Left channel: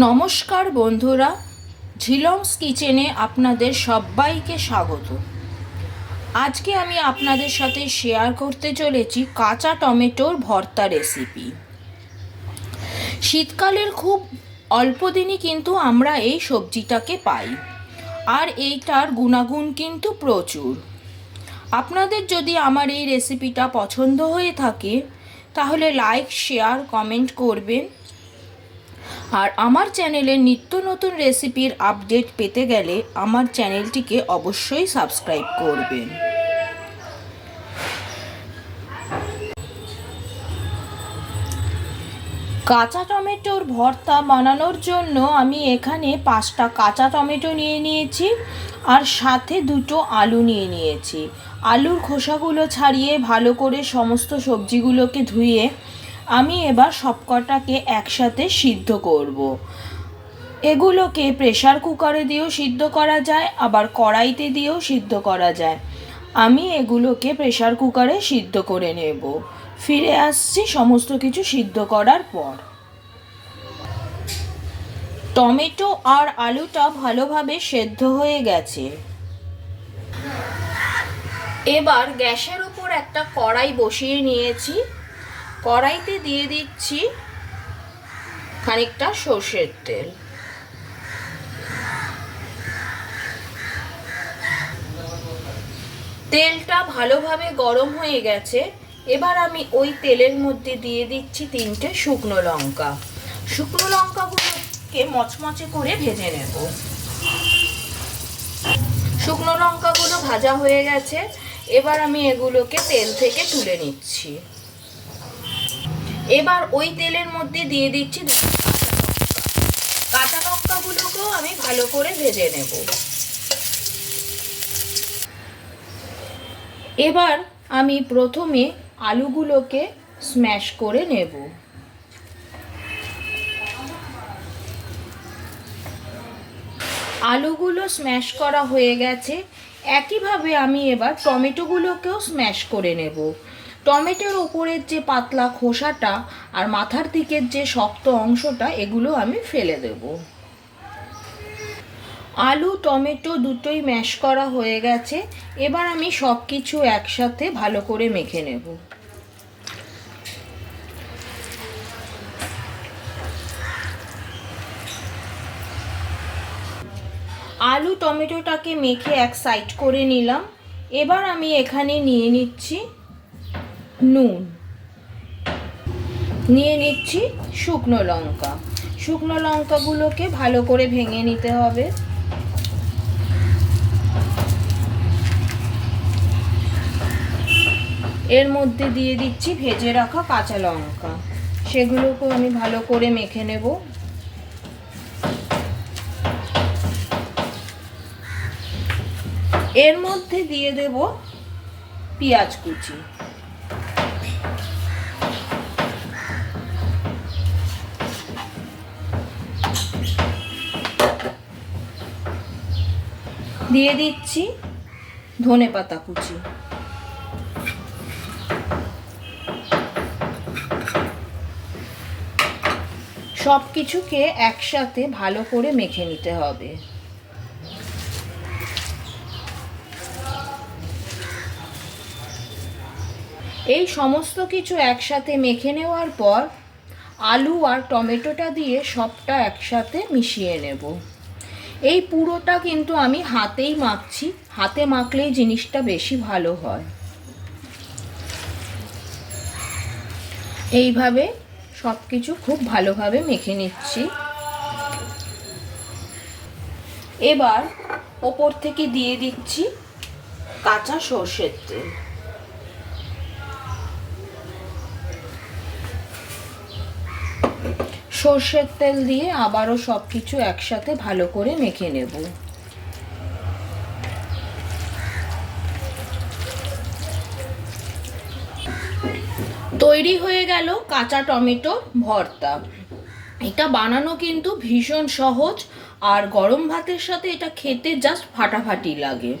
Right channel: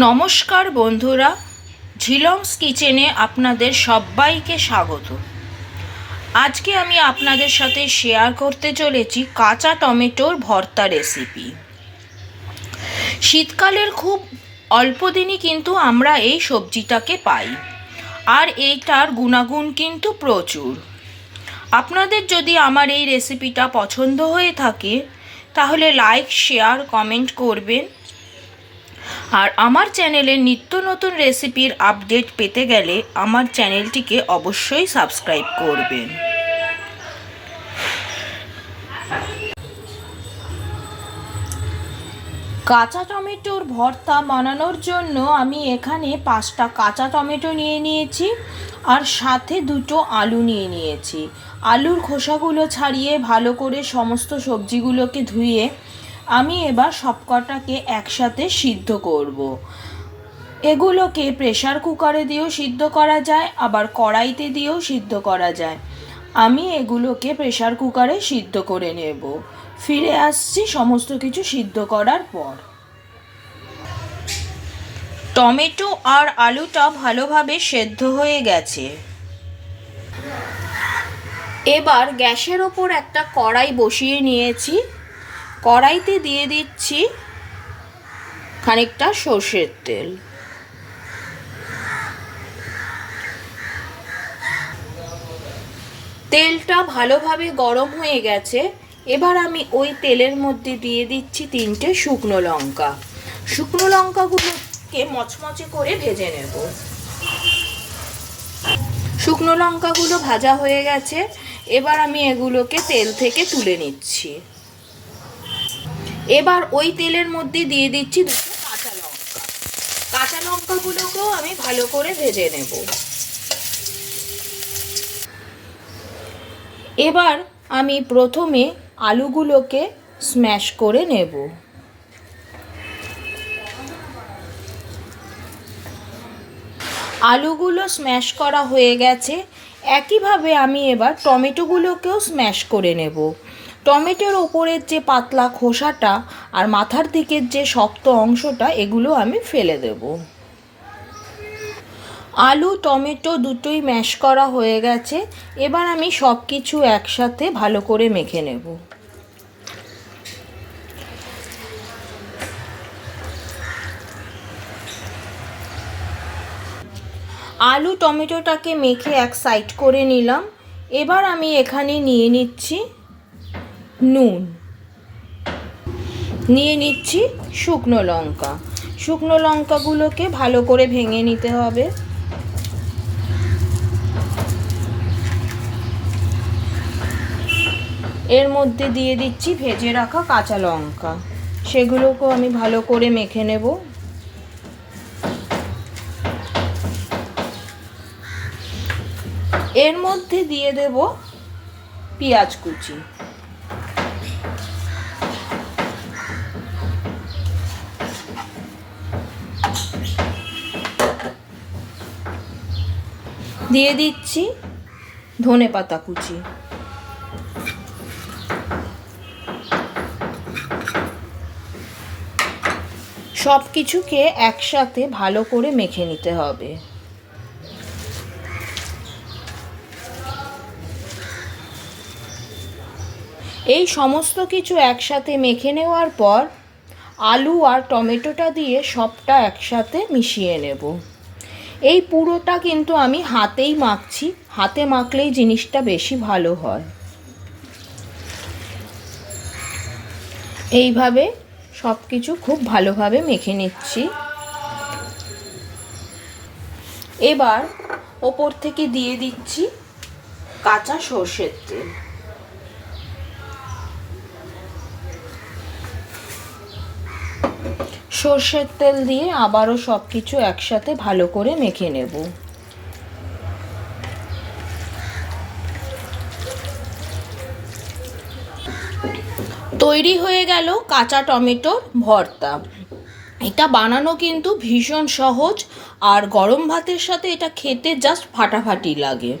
নমস্কার বন্ধুরা, ঝিলংস কিচেনে আপনাদের সবাইকে স্বাগত। আজকে আমি আপনাদের সাথে শেয়ার করতে চলেছি কাঁচা টমেটোর ভর্তা রেসিপি শীতকালের খুব অল্প দিনই কিন্তু আমরা এই সবজিটাকে পাই, আর এইটার গুণাগুণ কিন্তু প্রচুর। আপনাদের যদি আমার এই রেসিপিটা পছন্দ হয়ে থাকে, তাহলে লাইক শেয়ার কমেন্ট করবেন। আর আমার চ্যানেলে নিত্য নতুন রেসিপির আপডেট পেতে গেলে আমার চ্যানেলটিকে অবশ্যই সাবস্ক্রাইব করবেন। কাঁচা টমেটোর ভর্তা বানানোর জন্য আমি এখানে পাঁচটা কাঁচা টমেটো নিয়ে নিয়েছি আর সাথে দুটো আলু নিয়ে নিয়েছি। আলুর খোসাগুলো ছাড়িয়ে ভালো করে সমস্ত সবজিগুলোকে ধুয়ে আমি এবার সবকটাকে একসাথে সিদ্ধ করব। এগুলোকে প্রেশার কুকারে দিয়েও সিদ্ধ করা যায়, আবার কড়াইতে দিয়েও সিদ্ধ করা যায়। আমি এগুলোকে প্রেশার কুকারে সিদ্ধ করে নেব। ফিরে আসছি সমস্ত কিছু সিদ্ধ করার পর। টমেটো আর আলুটা ভালোভাবে সেদ্ধ হয়ে গেছে। এবার গ্যাসের ওপর একটা কড়াই বসিয়ে নিয়েছি। কড়াইতে দিয়ে দিচ্ছি খানিকটা সর্ষের তেল। তেলটা ভালোভাবে গরম হয়ে গেছে। এবার আমি ওই তেলের মধ্যে দিয়ে দিচ্ছি তিনটে শুকনো লঙ্কা। শুকনো লঙ্কাগুলোকে মচমচে করে ভেজে নেব। শুকনো লঙ্কাগুলো ভাজা হয়ে গেছে। এবার আমি এগুলোকে তেল থেকে তুলে নিচ্ছি। এবার ওই তেলের মধ্যে দিয়ে দিচ্ছি দুটো কাঁচা লঙ্কা। কাঁচা লঙ্কাগুলোকেও আমি ভালো করে ভেজে নেব। এবার আমি প্রথমে আলুগুলোকে স্ম্যাশ করে নেব। আলুগুলো স্ম্যাশ করা হয়ে গেছে। একইভাবে আমি এবার টমেটোগুলোকেও স্ম্যাশ করে নেব। টমেটোর ওপরের যে পাতলা খোসাটা আর মাথার দিকের যে শক্ত অংশটা, এগুলো আমি ফেলে দেব। আলু, টমেটো দুটোই ম্যাশ করা হয়ে গেছে। এবার আমি সব কিছু একসাথে ভালো করে মেখে নেব। আলু, টমেটোটাকে মেখে এক সাইড করে নিলাম। এবার আমি এখানে নিয়ে নিচ্ছি নুন। নিয়ে নিচ্ছি শুকনো লঙ্কা। শুকনো লঙ্কাগুলোকে ভালো করে ভেঙে নিতে হবে। এর মধ্যে দিয়ে দিচ্ছি ভেজে রাখা কাঁচা লঙ্কা। সেগুলোকেও আমি ভালো করে মেখে নেব। এর মধ্যে দিয়ে দেব পেঁয়াজ কুচি। দিয়ে দিচ্ছি ধনে পাতা কুচি। সব কিছুকে একসাথে ভালো করে মেখে নিতে হবে। এই সমস্ত কিছু একসাথে মেখে নেওয়ার পর আলু আর টমেটোটা দিয়ে সবটা একসাথে মিশিয়ে নেব। এই পুরোটা কিন্তু আমি হাতেই মাখছি। হাতে মাখলেই জিনিসটা বেশি ভালো হয়। এইভাবে সব কিছু খুব ভালোভাবে মেখে নিচ্ছি। এবার ওপর থেকে দিয়ে দিচ্ছি কাঁচা সর্ষের তেল। সর্ষের তেল দিয়ে আবারও সব কিছু একসাথে ভালো করে মেখে নেব। তৈরি হয়ে গেল কাঁচা টমেটোর ভর্তা। এটা বানানো কিন্তু ভীষণ সহজ আর গরম ভাতের সাথে এটা খেতে জাস্ট ফাটাফাটি লাগে।